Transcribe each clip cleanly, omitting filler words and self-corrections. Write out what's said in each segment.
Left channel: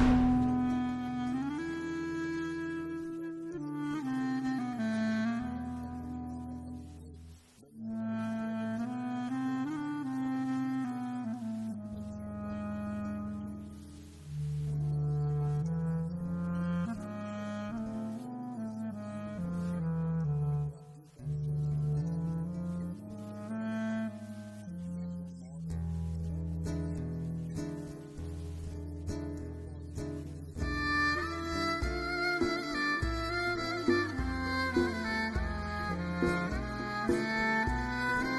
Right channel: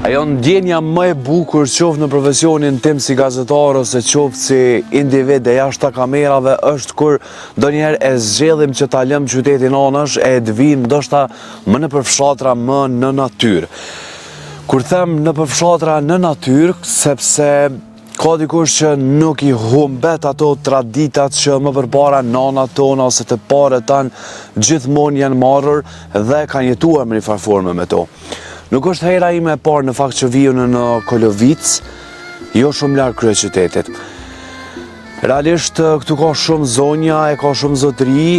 Ajo ndjenja më e bukur qoftë në profesionin tim si gazetar ose qoftë si individ e jashtë kamerave është kur ndonjëherë e zgjellim që ta lëm qytetin anash e të vim ndoshta më në përfshatra më në natyrë. Kur them në përfshatra në natyrë, sepse ka dikush që nuk i humbet ato traditat që më përpara nanat tona ose të parët tanë gjithmonë janë marrur dhe kanë jetuar me një farë forme me to. Nuk është hera ime e parë në fakt që viju në Kolovic, jo shumë larg kryeqytetit. Realisht këtu ka shumë zonja, e ka shumë zotëri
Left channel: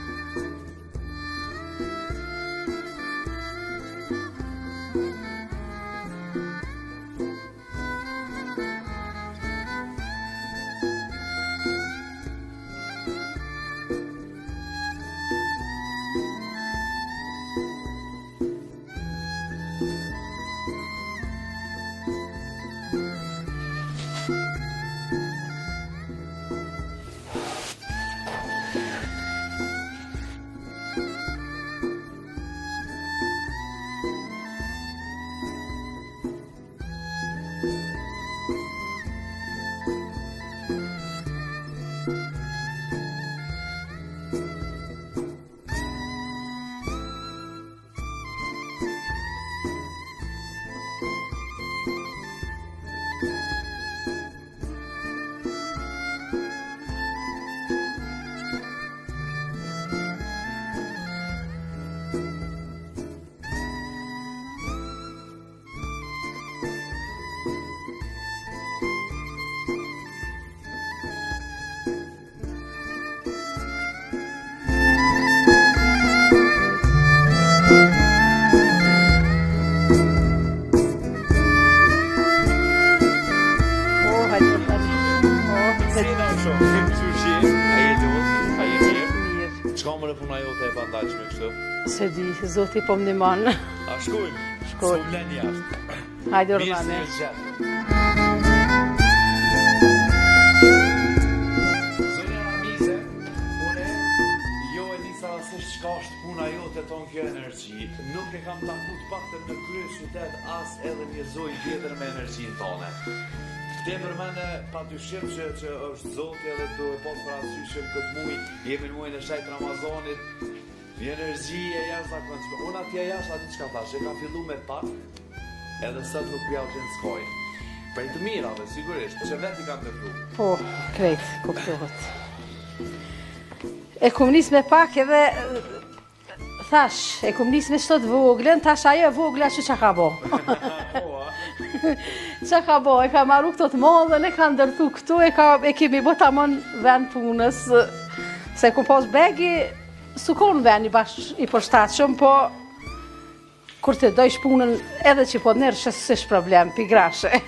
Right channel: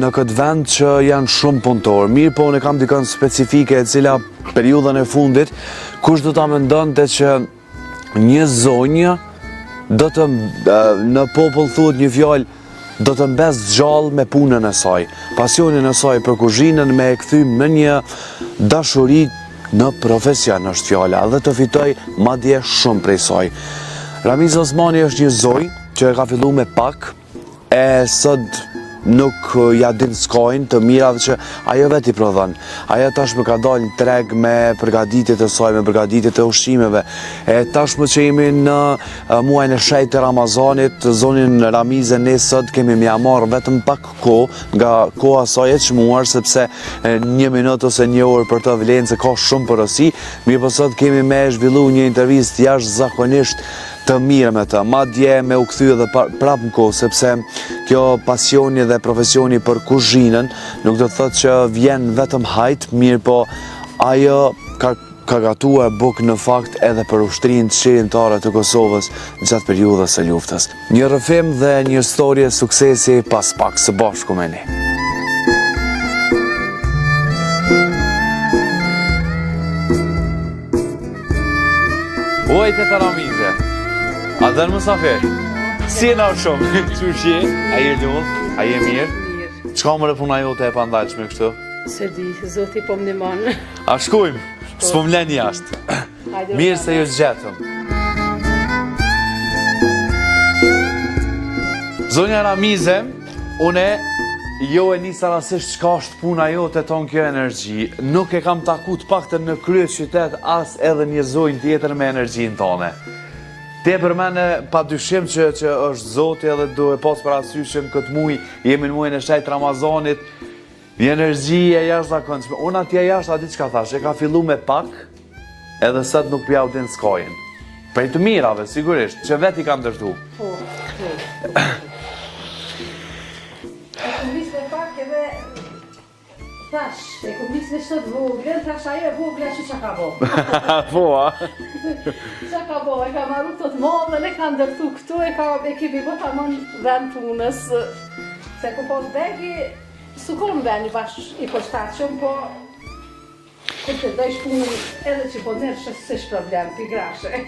në këtë vend që janë shumë punëtorë. Mirë po unë kam dikën specifike e cila periudhën e fundit, kush do ta mendonte që një zonjë do të në popull thuhet një fjalë do të mbes gjallë me punën e saj, pasionin e saj për kuzhinën me e kthy në një dashuri në profesion është fjala dhe të fitoj madje shumë prej saj. Ramiz Osmani është një zoj që e ka fillu me pak e sot nuk ja din skojnë të mira dhe që ajo vetë i prodhon. Ajo tashmë ka dalë në treg me përgatitjet e saj, me përgatitjet e ushqimeve. E tashmë që jemi në muajin e shejtë të Ramazanit, zonin Ramize ne sot kemi mja marrë vetëm pak kohë nga koha saj e çmuar sepse 1 minutë ose 1 orë për të vlen se ka shumë porosi. Mirë po sot kemi me zhvillu një intervistë jashtëzakonisht të mirë me të, madje me u kthy edhe prapë në kohë, sepse kjo pasioni dhe profesioni për kuzhinën nuk do të thotë që vjen vetëm hajt, mirë po ajo ka gatuar bukë në fakt edhe për ushtrinë qeveritare të Kosovës gjatë periudhës së luftës. Një rrëfim dhe një histori e suksesi pas pak, së bashku me ne. A dhe në Musafir? Si e në shumë? Qërë që a je lullë? A je mirë? Qka më rëpuna jote e pandajqme kështu? Se di, zoti po më niman. A shkujmë? S'po më len jashtë. Mirë se ju zgjetëm. Zonja Ramize, une jo e nisa rasisht qka është puna jote ton kjo energji. Nuk e kam takut pakte në kryeqytet as edhe një zonjë tjetër me energjin tone. Te për mene pa dyshim që është zoti edhe do e pas për asyshim këtë muj, jemi në mujën e shejtë Ramazanit, një energji e jashtëzakonshme. Unë atje jashtë a di çka thash, e ka fillu me pak, edhe sot nuk pja u din skojnë. Prej të mirave, sigurisht, që vet i kam dërtu. Po, krejt, po e kom nis me pak edhe, thash, e kom nis me shtot voglën, thash ajo e vogla që qa ka bo. Po, a? Qa ka bo, e ka marru këto të madhe, e ka ndërtu këto, e kemi bo ta mon vend punës, se ku pos begi, su kon vend i bash i përshtatshëm, po kur të dojsh punën edhe që po nërë shësësh problem, pi grashe.